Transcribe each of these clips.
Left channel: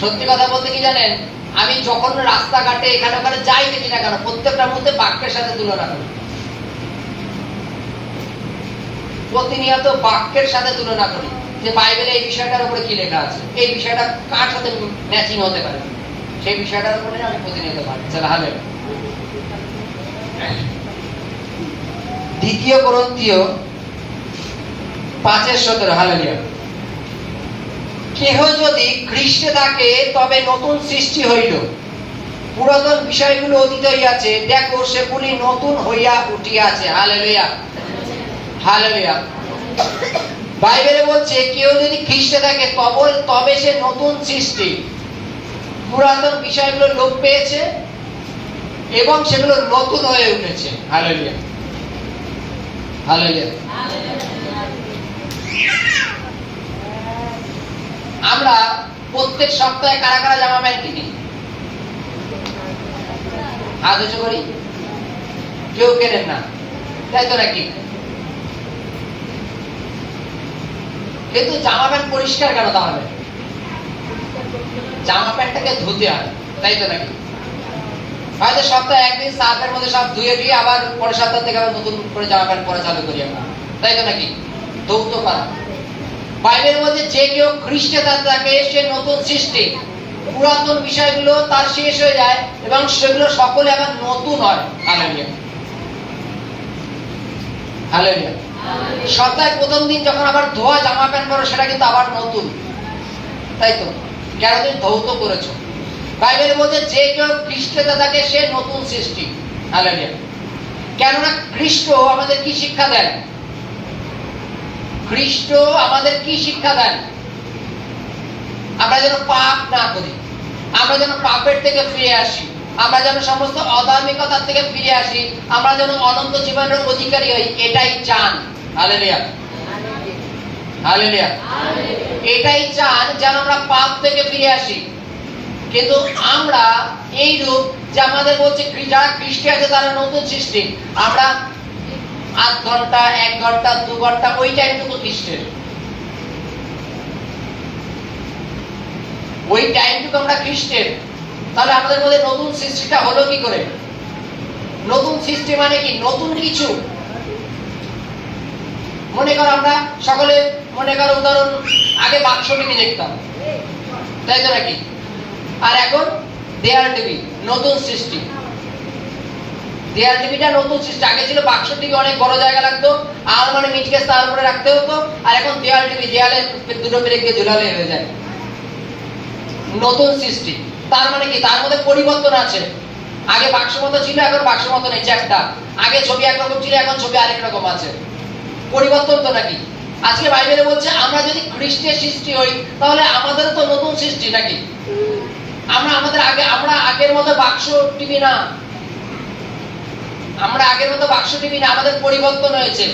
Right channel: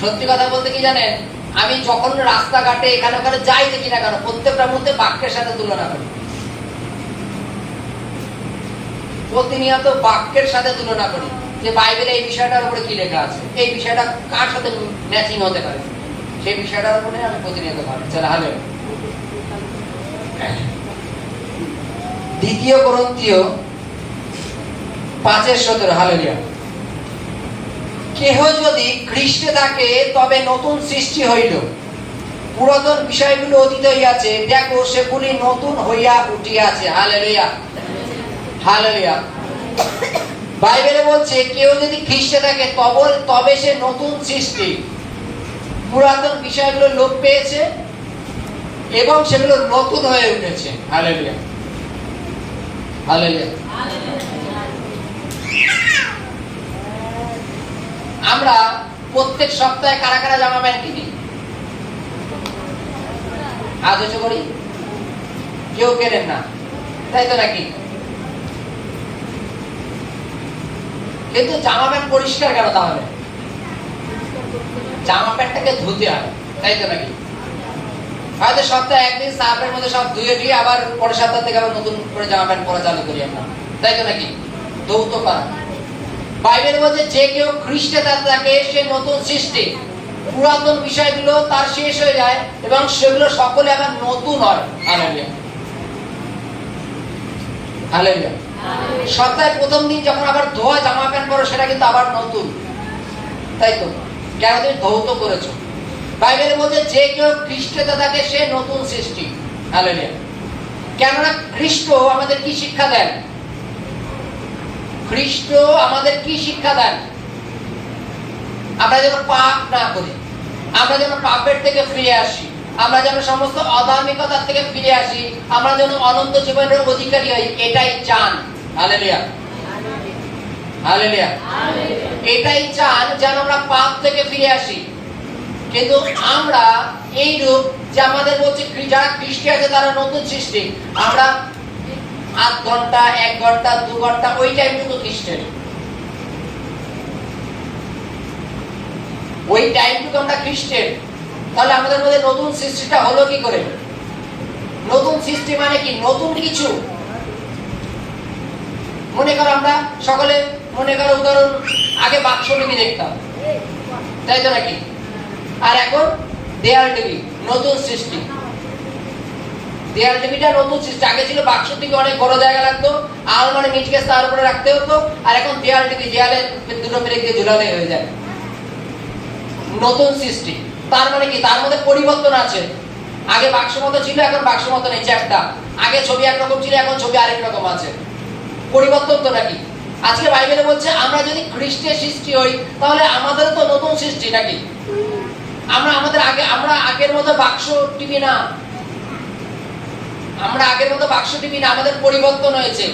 সত্যি কথা বলতে কি জানেন, আমি যখন রাস্তাঘাটে এখানে ওখানে যাই দেখি না কেন, প্রত্যেকটার মধ্যে বাক্যের সাথে তুলনা করি, প্রতিনিয়ত বাক্যের সাথে তুলনা করি যে বাইবেলে এই বিষয়টার উপরে কি লেখা আছে, এই বিষয়টা কার সাথে ম্যাচিং হতে পারে, সেই বিষয়টার উপরে আমি প্রতিনিয়ত ভাবি। হালে দ্বিতীয় করন্থীয় 5:17 হালেলুয়া। কেহ যদি খ্রিস্টে থাকে তবে নতুন সৃষ্টি হইল, পুরাতন বিষয়গুলো অতীত হইয়াছে, দেখো সেগুলি নতুন হইয়া উঠিয়াছে। Hallelujah hallelujah. বাইবেলে বলছে কেউ যদি খ্রিস্টে থাকে তবে সে নতুন সৃষ্টি, পুরাতন বিষয়গুলো লোপ পেয়েছে এবং সেগুলো নতুন হয়ে উঠেছে। Hallelujah hallelujah. আমরা প্রত্যেক সপ্তাহে কারা কারা জামা প্যান্ট কিনি? হাত উঁচু করি। কেউ কেনেন না, তাই তো নাকি? কিন্তু জামা প্যান্ট পরিষ্কার কেন তাহলে? জামা প্যান্টটাকে ধুতে হয়, তাই তো নাকি? হয়তো সপ্তাহে একদিন সার্ফের মধ্যে সব ধুয়ে দিয়ে আবার পরের সপ্তাহ থেকে আবার নতুন করে জামা প্যান্ট পরা চালু করি আমরা, তাই তো নাকি? ধৌত করা। বাইবেল বলছে যে কেউ খ্রিস্টে থাকে সে নতুন সৃষ্টি, পুরাতন বিষয়গুলো তার শেষ হয়ে যায় এবং সেগুলো সকলে আবার নতুন হয়। Hallelujah hallelujah. সপ্তাহের প্রথম দিন যখন আবার ধোয়া জামা প্যান্ট পরো সেটা কিন্তু আবার নতুন, তাই তো? কেন তুমি ধৌত করেছো। বাইবেল বলছে যে কেউ খ্রিস্টে থাকে সে নতুন সৃষ্টি। হালেলুয়া। কেননা খ্রিস্ট আমাদের কি শিক্ষা দেন? খ্রিস্ট আমাদের কি শিক্ষা দেন? আমরা যেন পাপ না করি, আমরা যেন পাপের থেকে ফিরে আসি, আমরা যেন সমস্ত অধার্মিকতার থেকে ফিরে আসি, আমরা যেন অনন্ত জীবনের অধিকারী হই, এটাই চান। Hallelujah hallelujah. এটাই চান যেন আমরা পাপ থেকে ফিরে আসি। কিন্তু আমরা এই রূপ যে আমাদের বলছে যারা খ্রিস্টে আছে তারা নতুন সৃষ্টি, আমরা 8 ঘন্টা 1 ঘন্টা 2 ঘন্টা ওই টাইমটুকু খ্রিস্টের, ওই টাইমটুকু আমরা খ্রিস্টের। তাহলে আমাদের মধ্যে নতুন সৃষ্টিটা হলো কি করে? নতুন সৃষ্টি মানে কি? নতুন কিছু। মনে করো আমরা সকলে মনে করো উদাহরণ, আগে বাক্স টিভি দেখতাম, তাই তো নাকি? আর এখন দেয়াল টিভি, নতুন সৃষ্টি। দেয়াল টিভিটা নতুন সৃষ্টি। আগে ছিল বাক্স টিভি, অনেক বড় জায়গা লাগতো, আলমারি মিটকেস তার উপরে রাখতে হতো, আর এখন দেয়াল টিভি, দেয়ালে দুটো পেরেক দিয়ে ঝুলালে হয়ে যায়। নতুন সৃষ্টি তার মানে কি? তার মধ্যে পরিবর্তন আছে। আগে বাক্স মতো ছিল, এখন বাক্স মতো নেই, চ্যাপ্টা। আগে ছবি একরকম ছিল, এখন ছবি আরেক রকম আছে। পরিবর্তন তো নাকি? আজকে বাইবেলে বলছে আমরা যদি খ্রিস্টের সৃষ্টি হই তাহলে আমাদের তো নতুন সৃষ্টি নাকি? আমরা আগের মতো বাক্স টিভি না, আমরা আগের মতো বাক্স টিভি না, আমাদের পরিবর্তন হয়েছে।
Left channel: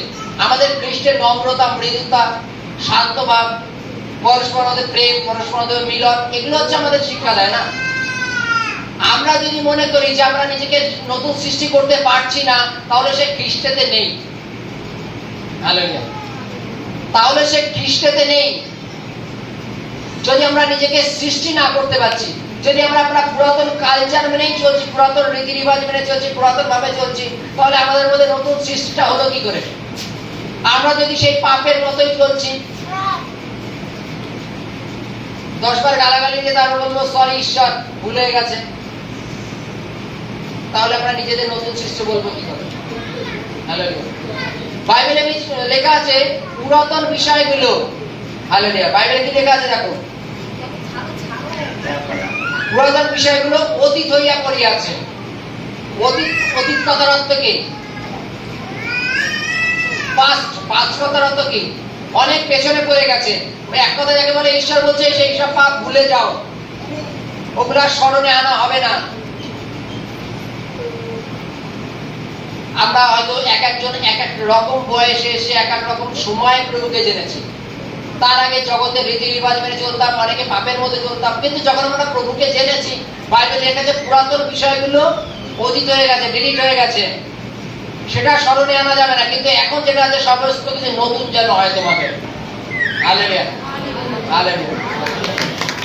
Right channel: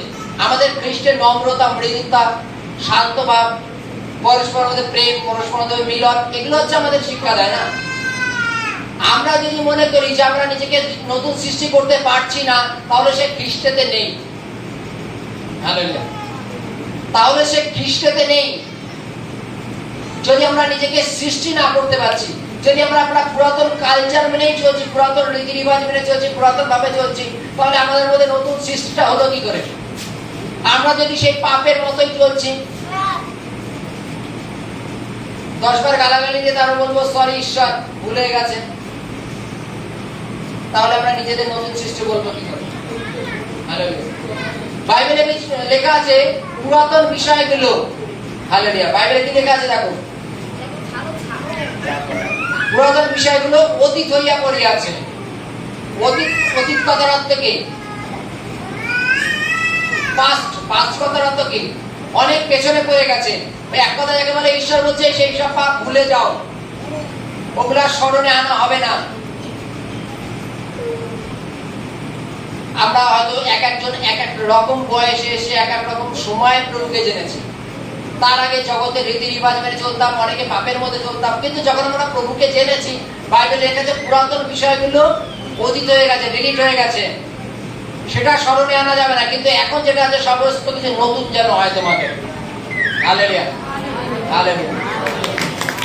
আমাদের খ্রিস্টের নম্রতা, মৃদুতা, শান্ত ভাব, পরস্পর মধ্যে প্রেম, পরস্পর মধ্যে মিলন, এগুলো হচ্ছে আমাদের শিক্ষা দেয় না? আমরা যদি মনে করি যে আমরা নিজেকে নতুন সৃষ্টি করতে পারছি না, তাহলে সে খ্রিস্টেতে নেই। হালেলুয়া। তাহলে সে খ্রিস্টেতে নেই। যদি আমরা নিজেকে সৃষ্টি না করতে পারছি, যদি আমরা পুরাতন কালচার মেনেই চলছি, পুরাতন রীতি রিবাজ মেনে চলছি, পুরাতন ভাবে চলছি, তাহলে আমাদের মধ্যে নতুন সৃষ্টিটা হলো কি করে? আমরা যদি সেই পাপের মতোই চলছি, 10 বার গালাগালি দিয়ে তারপর বলবো সরি ঈশ্বর ভুলে গেছে, তাহলে আমরা নিজেদের নতুন সৃষ্টি বলবো কি করে? হালেলুয়া। বাইবেলে লেখা আছে পুরাতন বিষয়গুলো। হালেলুয়া। বাইবেলে কি লেখা আছে দেখো? পুরাতন বিষয়গুলো অতীত হইয়া পড়িয়াছে। অতীত কথার অর্থ কি? পাস্ট কথার অর্থ কি? অনেক পেছনে পড়ে গেছে। এক কথা যাকে বলে ঈশ্বর বলছে সেই সব পাপ ভুলে যাও, ওগুলা স্মরণে আনা হবে না। আমরা হয়তো এক একজন এক এক রকম বয়সে এসে এক এক রকম সময় প্রভুকে জেনেছি। তার আগে জগতের রীতি রিবাজ মেনে চলতাম, অনেকে পাপের মধ্যে চলতাম, কিন্তু যখন আমরা প্রভুকে জেনেছি, বাইবেলে লেখা আছে পুরাতন বিষয়গুলো অতীত হয়ে গেছে, ডিলিট হয়ে গেছে, সেটা স্মরণে আনা যাবে না। কিন্তু এখন যেটা আছে সমস্ত কিছু নতুন যেন হয় তোমাদের। Hallelujah hallelujah.